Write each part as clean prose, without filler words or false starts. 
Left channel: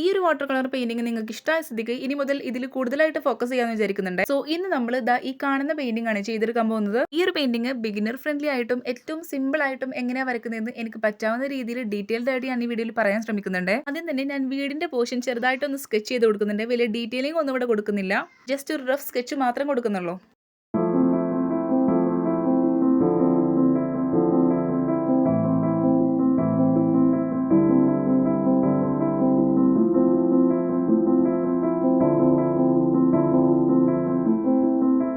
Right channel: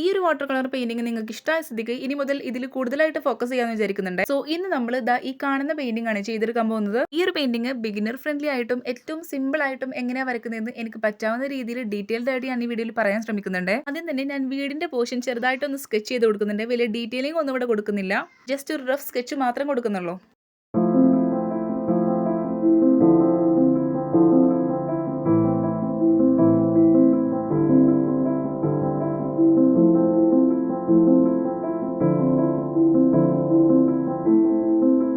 ഈ ഒരു water colour painting നിങ്ങൾക്ക് ഇഷ്ടമായ സ്ഥിതിക്ക് ഇനി മുതൽ ഇതിൽ കൂടുതലായിട്ട് ഫോക്കസ് ചെയ്യാമെന്ന് വിചാരിക്കുന്നുണ്ട്. സോ ഇന്ന് നമ്മൾ ഈ കാണുന്ന പെയിന്റിംഗ് ആണ് ചെയ്തെടുക്കാൻ പോകുന്നത്. ഈ ഒരു പെയിന്റിംഗ് ബിഗിനർ ഫ്രണ്ട്ലി ആയിട്ടും ഏറ്റവും സിമ്പിൾ ആയിട്ടും എങ്ങനെയാ വരക്കുന്നതെന്ന് എനിക്ക് പറ്റാവുന്ന രീതിയിൽ ഡീറ്റെയിൽഡ് ആയിട്ട് ഞാൻ ഈ വീഡിയോയിൽ പറയാൻ ശ്രമിക്കുന്നുണ്ട്. ആദ്യം തന്നെ ഞാൻ വീടിന്റെ പോർഷൻ ചെറുതായിട്ടൊന്ന് സ്കെച്ച് ചെയ്ത് കൊടുക്കുന്നുണ്ട്. വലിയ ഡീറ്റെയിലിംഗ് ഒന്നും ഇവിടെ കൊടുക്കുന്നില്ല. ജസ്റ്റ് ഒരു റഫ് സ്കെച്ച് മാത്രം കൊടുക്കുന്നുള്ളൂ.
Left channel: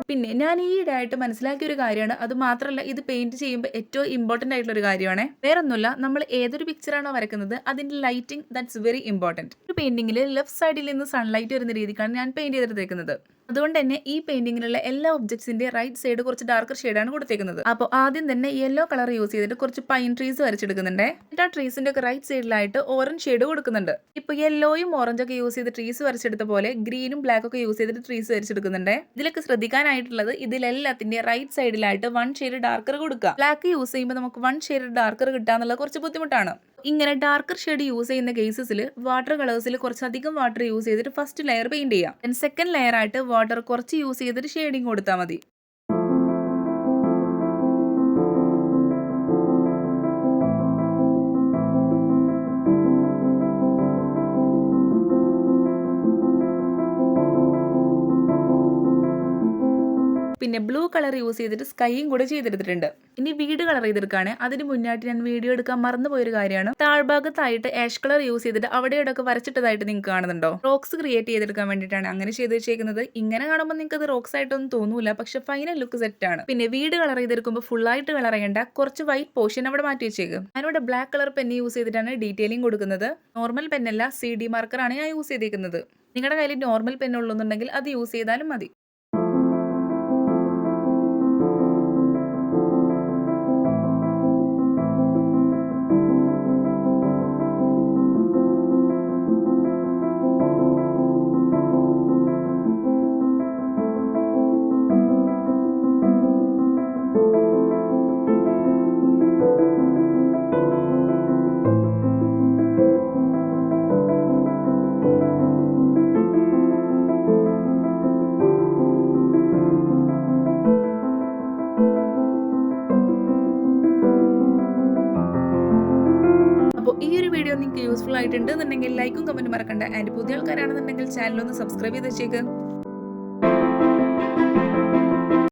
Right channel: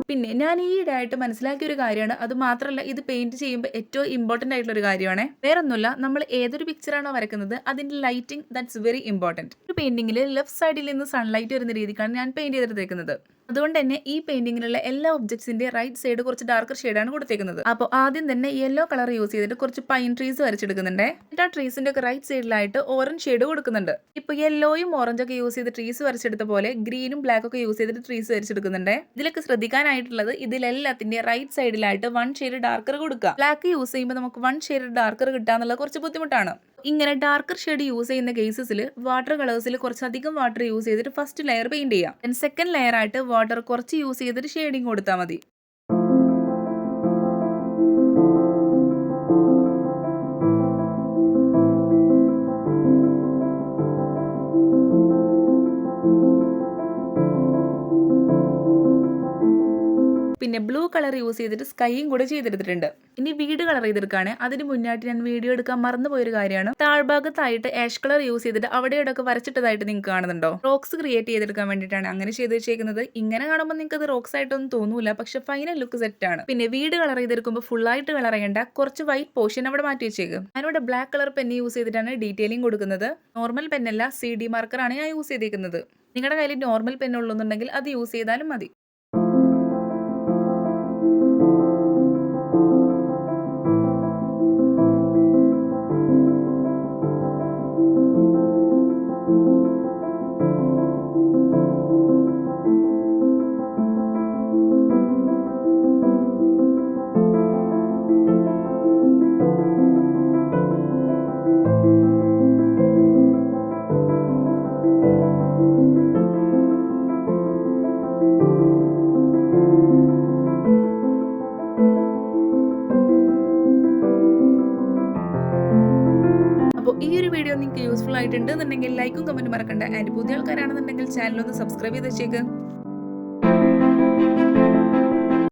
പിന്നെ ഞാൻ ഈയിടെയായിട്ട് മനസ്സിലാക്കിയ ഒരു കാര്യമാണ്, അത് മാത്രമല്ല ഇത് പെയിന്റ് ചെയ്യുമ്പോൾ ഏറ്റവും ഇമ്പോർട്ടന്റ് ആയിട്ടുള്ള ഒരു കാര്യമാണ്. വേറൊന്നുമില്ല, നമ്മൾ ഏതൊരു പിക്ചറാണോ വരക്കുന്നത് അതിന്റെ ലൈറ്റിംഗ് ദാറ്റ്സ് വെരി ഇമ്പോർട്ടന്റ്. ഒരു പെയിന്റിംഗിൽ ലെഫ്റ്റ് സൈഡിൽ നിന്ന് സൺലൈറ്റ് വരുന്ന രീതിക്കാണ് ഞാൻ പെയിന്റ് ചെയ്തെടുത്തേക്കുന്നത്. അതുകൊണ്ട് തന്നെ ഈ പെയിന്റിങ്ങിലുള്ള എല്ലാ ഒബ്ജക്ട്സിന്റെ റൈറ്റ് സൈഡ് കുറച്ച് ഡാർക്കർ ഷെയ്ഡാണ് കൊടുത്തേക്കുന്നത്. അപ്പോൾ ആദ്യം തന്നെ യെല്ലോ കളർ യൂസ് ചെയ്തിട്ട് കുറച്ച് പൈൻ ട്രീസ് വരച്ചെടുക്കുന്നുണ്ട്. എന്നിട്ട് ആ ട്രീസിന്റെ ഒക്കെ റൈറ്റ് സൈഡിലായിട്ട് ഓറഞ്ച് ഷെയ്ഡ് കൊടുക്കുന്നുണ്ട്. ഇപ്പൊ യെല്ലോയും ഓറഞ്ച് ഒക്കെ യൂസ് ചെയ്ത് ട്രീസ് വരച്ചെടുത്ത പോലെ ഗ്രീനും ബ്ലാക്ക് ഒക്കെ യൂസ് ചെയ്തിട്ട് ട്രീസ് വരച്ചെടുക്കുന്നുണ്ട്. ഇതിലൊക്കെ ശ്രദ്ധിക്കാനായിട്ടുള്ളത് ഇതിലെല്ലാത്തിന്റെ റൈറ്റ് സൈഡിലായിട്ട് 1 ഷെയ്ഡ് ഡാർക്കർ കൊടുക്കുക. ബ്ലാക്ക് യൂസ് ചെയ്യുമ്പോൾ നമുക്ക് 1 ഷെയ്ഡ് ഡാർക്കർ കിട്ടാന്നുള്ളത് കുറച്ച് ബുദ്ധിമുട്ടാണ്. ഇങ്ങനെ ഡാർക്കർ ഷെയ്ഡ് യൂസ് ചെയ്യുന്ന കേസസിൽ വാട്ടർ കളേഴ്സിൽ കുറച്ചധികം വാട്ടർ യൂസ് ചെയ്തിട്ട് ഫസ്റ്റ് ലെയർ പെയിന്റ് ചെയ്യാം. സെക്കൻഡ് ലെയർ ആയിട്ട് വാട്ടർ കുറച്ച് യൂസ് ചെയ്തിട്ട് ഷെയ്ഡിങ് കൊടുത്താൽ മതി. പിന്നെ ബ്ലൂ കളർ യൂസ് ചെയ്തിട്ട് സ്കൈയും കൂടെ ചെയ്തെടുത്തിട്ടുണ്ട്. ഇനി വീട് കളർ ചെയ്തെടുക്കുകയാണ്. അതിന് മുന്നായിട്ട് ഞാൻ വീഡിയോ എടുക്കാൻ മറന്നുപോയൊരു കാര്യമാണ്, താഴ്ഭാഗത്തായിട്ട് ആഷ് കളർ യൂസ് ചെയ്തിട്ട് അവിടെയോടൊക്കെ വരച്ചിട്ടതായിട്ട് നിങ്ങൾക്ക് കാണുന്നുണ്ടോ? റോക്സ് ക്രിയേറ്റ് ചെയ്തെടുക്കാൻ വേണ്ടിയിട്ടാണ് അങ്ങനെ ചെയ്ത് വെച്ചേക്കുന്നത്. ഇങ്ങനെ കാണുമ്പോൾ നിങ്ങൾക്ക് അത് റോക്സ് ആയിട്ടൊന്നും തോന്നൂല, പക്ഷെ ഫൈനൽ ലുക്ക് സെറ്റ് ആണ്. പിന്നെ വീട് കളർ ചെയ്തെടുക്കുമ്പോൾ ഫുൾ ആയിട്ട് കളർ ചെയ്യേണ്ട, കുറച്ച് വൈറ്റ് പോർഷൻ അവിടെ മാറ്റി വെച്ചേക്കും. ഞാനിവിടെ ബ്ലാക്ക് കളർ പെന്ന് യൂസ് ചെയ്തിട്ടാണ് ഡീറ്റെയിലിംഗ് കൊടുക്കുന്നത്. നോർമൽ പെന്നല്ല, CD മാർക്കറാണ് ഞാൻ യൂസ് ചെയ്തേക്കുന്നത്. നിങ്ങളുടെ കയ്യിൽ നോർമൽ പെൻ ഉള്ളൂന്നുണ്ടെങ്കിൽ അത് യൂസ് ചെയ്താലും മതി. അപ്പോൾ ഈ ഒരു വീഡിയോ നിങ്ങൾക്ക് യൂസ്ഫുൾ ആയിട്ടുണ്ടെന്നുണ്ടെങ്കിൽ ലൈക്കും കമന്റും മറക്കണ്ട. ആൻഡ് പുതിയ ആൾക്കാരാണെന്നുണ്ടെങ്കിൽ ചാനൽ ഒന്ന് സബ്സ്ക്രൈബ് ചെയ്ത് വെച്ചേക്ക്.